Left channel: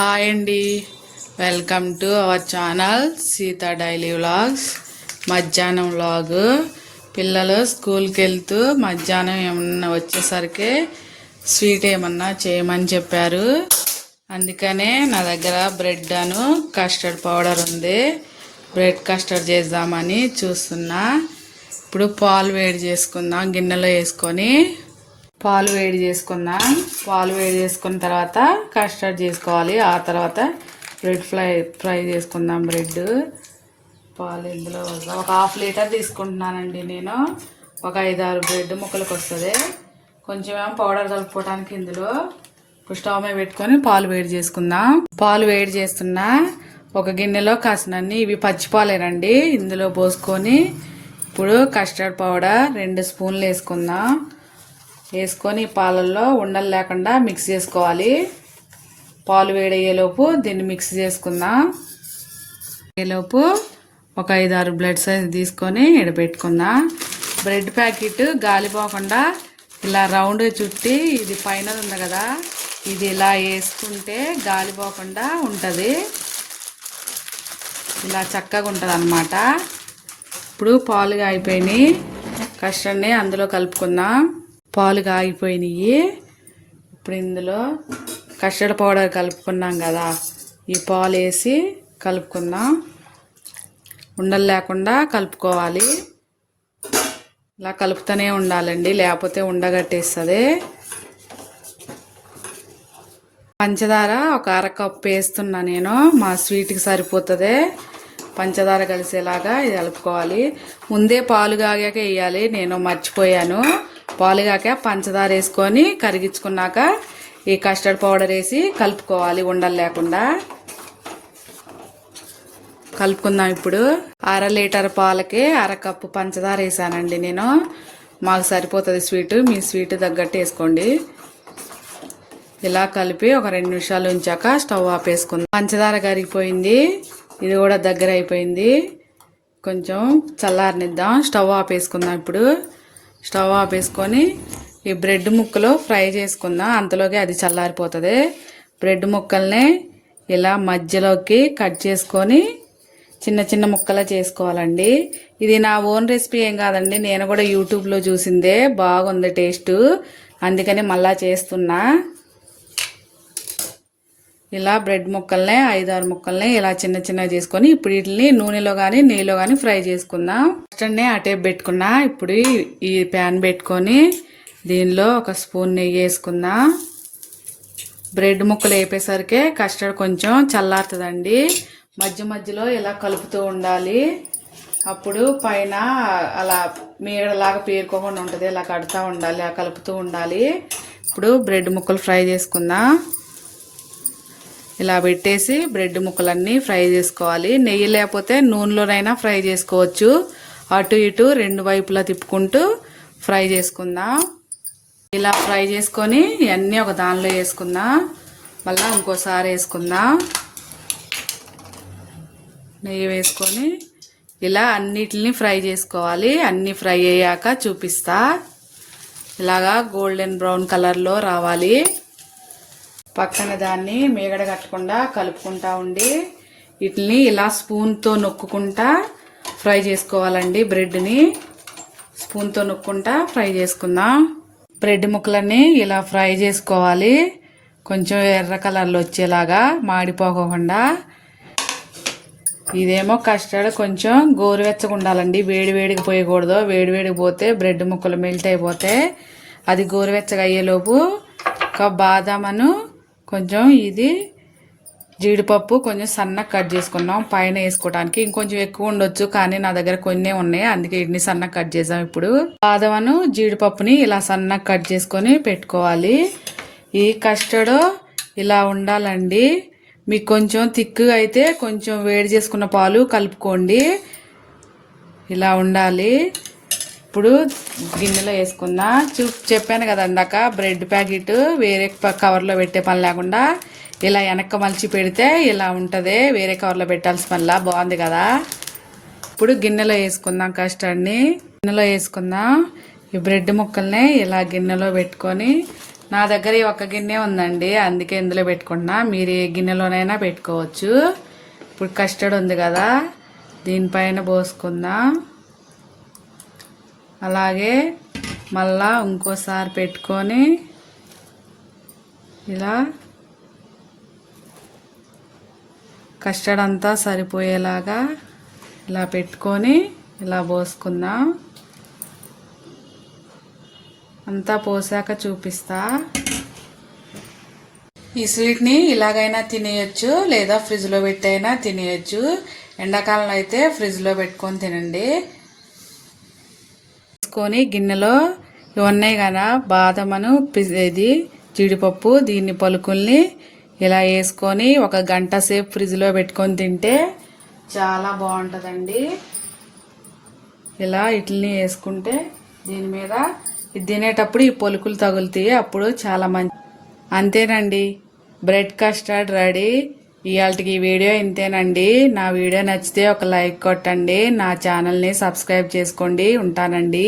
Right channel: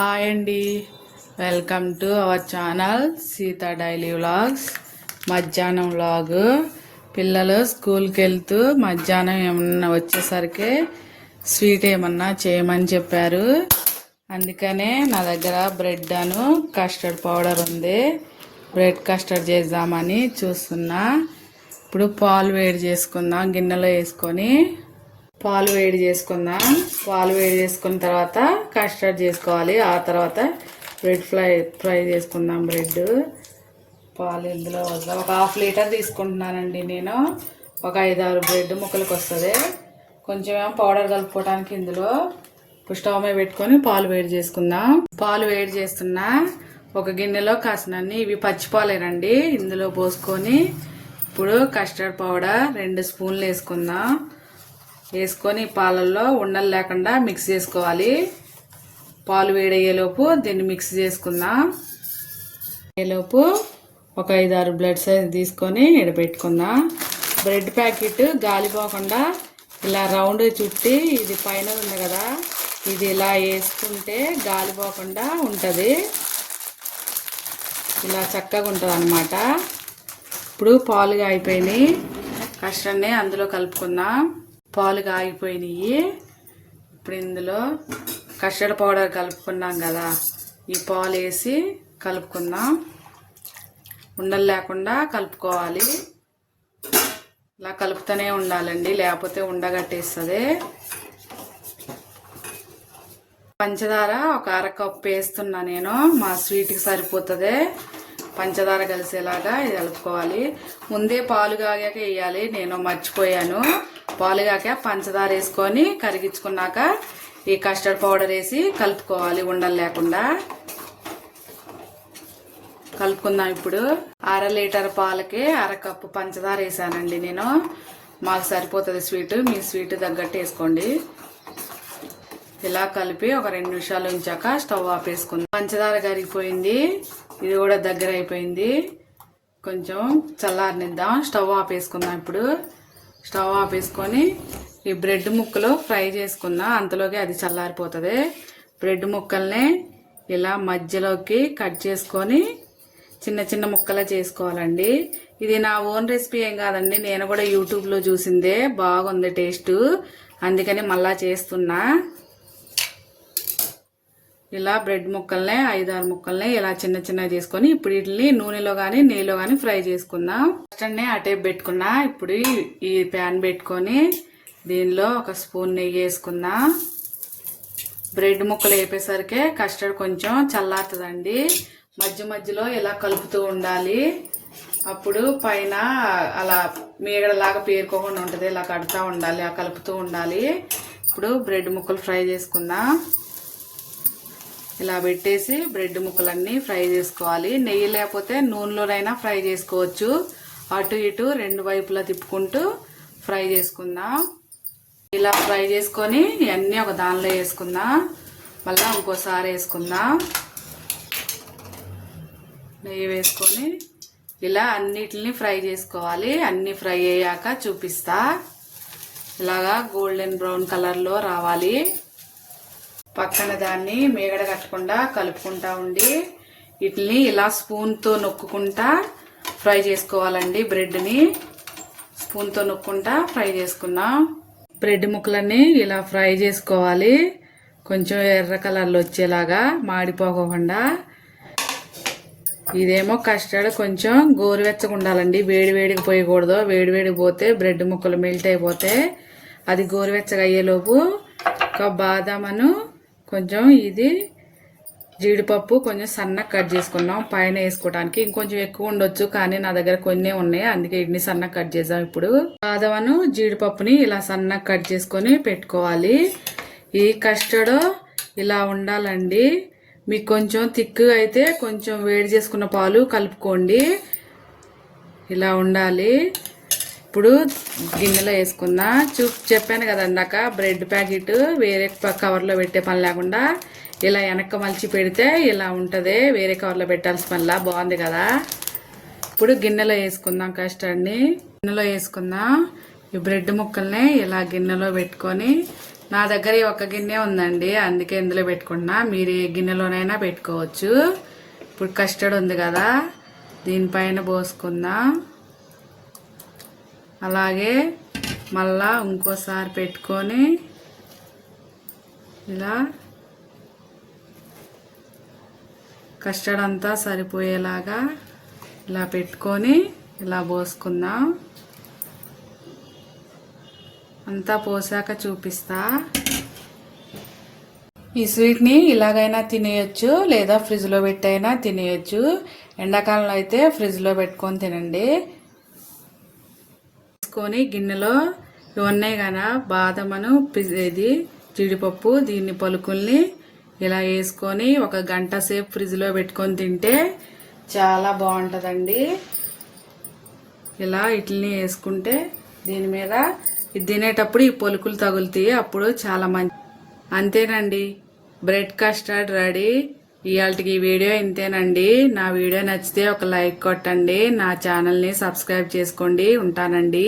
Hi అండి. Welcome to our channel Seetha daily vlogs. మధ్యాహ్నం vlog. పిల్లలు స్కూల్కి వెళ్తూ మధ్యాహ్నం ఏమన్నా వచ్చేసరికి స్వీట్ ఏమన్నా చేయమని చెప్పారు. అందుకనే నా దగ్గర బ్రెడ్ అను కస్టర్డ్ పౌడర్ ఉంది. బ్రెడ్ కస్టర్డ్ చేద్దామని చూస్తున్నా. ఇప్పుడు పాలు వేడి చేసుకుందాం గిన్నెలో వేసుకొని పాలు వేడి చేసుకుందాం. పాలు వేడి చేసుకున్న తర్వాత కస్టర్డ్ చేసుకోవాలి. ఆ తర్వాత బ్రెడ్ ఫ్రై ఫ్రై చేసుకుందాం బ్రెడ్. పాలు ఇందులో వద్దాం? ఒక హాఫ్ లీటర్ తీసుకుంటున్నానండి నేను. ఒక ఐదు ఆరు బ్రెడ్ ముక్కలకు వస్తుంది. కొంచెం ఏమో పౌడర్ కలుపుకోవడానికి ఇందులో. ఇప్పుడు స్టవ్ మీద పెట్టుకొని పాలు వేడి చేసుకుందాం. పాలు వేడి చేస్తున్నా ఒక గిన్నెలో కాసినన్ని ఇవి పచ్చి పాలేనండి. ఇందులో పోసుకొని ఇప్పుడు కస్టర్డ్ పౌడర్ రెండు స్పూన్లు వేసుకుందాం. వేసుకొని పాలల్లో ఉండలు లేకుండా మిక్స్ చేసుకోవాలి. పాలు వేడయ్యేలోపు దీన్ని మిక్స్ చేసుకుందాం. అయ్యేలోపు ఒక ఐదు ఆరు బ్లడ్ సైజ్ తీసుకొని ఎడబెట్టుకుందాం. బ్రెడ్ ప్యాకెట్ గాలిపోకుండా ఇలా రౌండ్ చుట్టి ఇది పైన ఉంది కదా ఇది ఇలా వేసుకుంటే గాలిపోకుండా ఉంటుంది. ఇలా చక్కగా ఉంటుంది అనమాట ఇప్పుడు పాలుగా అయిపోయినాయి. కష్టాన్ని అందులో కలుపుకుందాం. పాలు కాగిపోయినాయి. ఇప్పుడు ఇందులో కస్టర్డ్ పౌడర్ కలుపుకున్నాం కదా ఈ పాలు వేసి కలుపుకుందాం. ఉండలు లేకుండా కలుపుకోవాలి. ఇలా కలుపుతూనే ఉండాలండి లేకపోతే ఉండగట్టేస్తుంది. పంచదార ఒక అర కప్పు వేస్తున్నా నేను మా స్వీట్కి సరిపోతుంది. పంచదార కలిసేలాగా ఇది కలుపుకోవాలి. ముందే పాలు కాగాక వేయాలి నేను మర్చిపోయాను. పాలు కాక పంచదార వేసుకొని కరిగించుకున్నాక ఈ కస్టర్డ్ పౌడర్ వేసి కలుపుకోవాలి ఉండలు లేకుండా. కలుపుకుందాం ఇప్పుడు. అర లీటర్ పాలకి అర కప్పు పంచదార వేసానండి నేను. మాకు సరిపోతుంది స్వీట్ మీ స్వీట్ తగ్గట్టు వేసుకోండి. ఇలా కలిపి ఒక రెండు నిమిషాలు ఉంచాక స్టవ్ ఆపేసుకుందాం పంచదార కరిగిపోయింది ఇది కూడా దగ్గర అయిపోయింది కొంచెం చల్లారనిద్దాం స్టవ్ ఆపేసుకుందాం ఇప్పుడు. స్టవ్ ఆపేసుకొని ఈ బ్రెడ్ ముక్కలు ఫ్రై చేసుకుందాం. అంతలోకి అది చల్లారిపోతుంది. బ్రెడ్ ముక్కల్ని ఇలా మధ్యలోకి కట్ చేసుకొని చిన్న చిన్న ముక్కలా చేసుకోవాలండి. ఇది నా ఓన్ రెసిపీ ఏం కాదండి. నేను కూడా యూట్యూబ్లో చూసిందే. బాగుంది టేస్ట్. అందుకని మళ్ళా చేస్తున్నా. ఇలా బ్రెడ్ ముక్కల్ని ఐదారు ముక్కల్ని ఇలా చిన్న చిన్నగా చేసుకొని ఇప్పుడు వీటిని నూనెలో కానీ నెయ్యిలో కానీ ఫ్రై చేసుకుందాం. ఫస్ట్ ఆ టేప్ పెట్టుకున్నా ఇప్పుడు ఈ ప్యాన్ పెట్టుకొని దీనిలో ఒక స్పూన్ నెయ్యి వేసుకుందాం. బ్రెడ్ ముక్కలు వేపేసరికి కస్టర్డ్ కొంచెం చల్లారుతుందండి. మధ్య మధ్యలో ఇలా కలుపుతూ ఉండాలి. అప్పుడు పైన అలా మీగడలాగా పేరుకోకుండా ఉంటుంది ఇలా కడుతూ ఉండాలి అలా కలుపుతూ ఉండాలి. ఇప్పుడు బ్రెడ్ ముక్కలు ఫ్రై చేసుకుందాం. ఇలా పెట్టేసి బ్రెడ్ ముక్కలన్నీ ఫ్రై చేసుకోవాలి. నెయ్యి లేకపోతే నూనెలోనైనా ఫ్రై చేసుకోవచ్చు. అటు ఇటు రెండు వైపులా తిప్పుకుంటూ ఫ్రై చేసుకుందాం. ఇలా ఫ్రై చేసుకొని ఇవన్నీ ఒక దానిలో వేసుకుందాం. మళ్ళీ ఇంకోసారి వేసుకుందాం. నెయ్యి వేసుకొని ఇలా అన్నిటిని ఫ్రై చేసుకోవాలి. అన్నీ ఫ్రై అయ్యాక చూపిస్తా. ఇలాగా గోల్డెన్ బ్రౌన్ కలర్లో రావాలి. పక్కన దాన్ని మేగడ కట్టకుండా కలుపుకుంటా ఉండి వీటిని ఇలా స్పూన్తో నొక్కుకుంటా ఫ్రై చేసుకోవాలండి బ్రెడ్ని. స్పూన్తో నొక్కుంటా ఫ్రై చేసుకుందాం. బ్రెడ్ ముక్కలన్నీ ఇలా ఫ్రై చేసుకోవాలి. కొంచెం ఎర్ర కలర్లో వచ్చేలాగా మాడిపోకుండా ఇదేమో కస్టర్డ్ కొంచెం గోరువెచ్చగా ఉండాలండి వేడి వేడికి పోయకూడదు. వేడి వేడికి పోతే బ్రెడ్ ముక్కలు మెల్ట్ అయిపోతే అది గోరువెచ్చగా అయ్యేలోపు ఒక బాదామను కొంచెం ఇది జీడిపప్పు కొంచెం సన్నగా కట్ చేసుకున్నాం. పైన వేసుకోవడానికి ఇంకొంచెం ఎక్కువ ఉండొచ్చు కానీ నా దగ్గర కొన్ని ఉన్నాయి. అందుకే ఇన్ని సన్నగా కట్ చేద్దాం ఇప్పుడు. బాదమను జీడిపప్పుని ఇలా సన్నగా కట్ చేసుకొని పెట్టుకోవాలి. ఈ కస్టర్డ్ ఇలా ఉండాలండి. మీకు కొంచెం థిక్గా అయితే కొంచెం వేడి చేసుకున్న పాలు కలుపుకోండి. ఇలా ఉండాలి. ఇప్పుడు గిన్నెలో వేసుకుందా చూ చెప్పాను కదా ఇందాక బ్రెడ్ ప్యాకెట్ వేరే కవర్లో పెట్టే పని లేకుండా ఇలా వెనక్క మలిచి పెడితే ఇలా ఉంటుంది వేరే కవర్లో పెట్టాల్సిన పనిలా బాగుంది కదా. ఇప్పుడు గిన్నెలో వేసుకుందాం కస్టర్డ్ని. గిన్నెలో వేసుకుందాం ఈ బ్రెడ్ ముక్కల్ని ఇలా గిన్నెలో పెట్టుకొని నా దగ్గర ఈ ఒక్క గిన్నె ఉందండి అందుకే ఇందులో పెట్టుకున్నా మీరు ఏ గిన్నెలోనైనా పెట్టుకోవచ్చు. ఇప్పుడు కస్టర్డ్ ఉంది కదా దీనిపైన పోసుకుందాం. అలాగే మళ్ళా ఇంకోసారి పెట్టుకొని ఇలా కస్టర్డ్ అంతా సరిపోయేలాగా ఇలా పెట్టుకొని ఇలా పోసుకుందాం. అంతా పోసాక చూపిస్తా. ఈ స్వీట్ని ఇలాగైనా తినేయచ్చు లేదా ఫ్రిడ్జ్లో పెట్టైనా తినేయచ్చు. ఎండాకాలంలో అయితే ఫ్రిడ్జ్లో పెట్టుకొని తినండి. తీసుకొని గిన్నెలో ఇవి ఉన్నాయి కదా బాదమను పి- ఇది జీడిపప్పు దీన్ని పలుకుల్ని ఇలా వేసుకొని ఒక గంట సేపు ఫ్రిడ్జ్లో పెట్టుకొని తింటే చాలా బాగుంటుందండి. ఇలా ఇట్లని వేసుకుంటే దీని మీద ఇది తినేటప్పుడు ఈ పొలుకులు తగులుతాయి అప్పుడు చాలా మంచి అంతేనండి. Bread custard ready. ఇవాళకి ఈ వీడియో ఇంతేనండి. నా వీడియో నచ్చితే ఒక లైక్ కొట్టండి. నా ఛానల్ని సబ్స్క్రైబ్ చేసుకోండి. ఉంటానండి.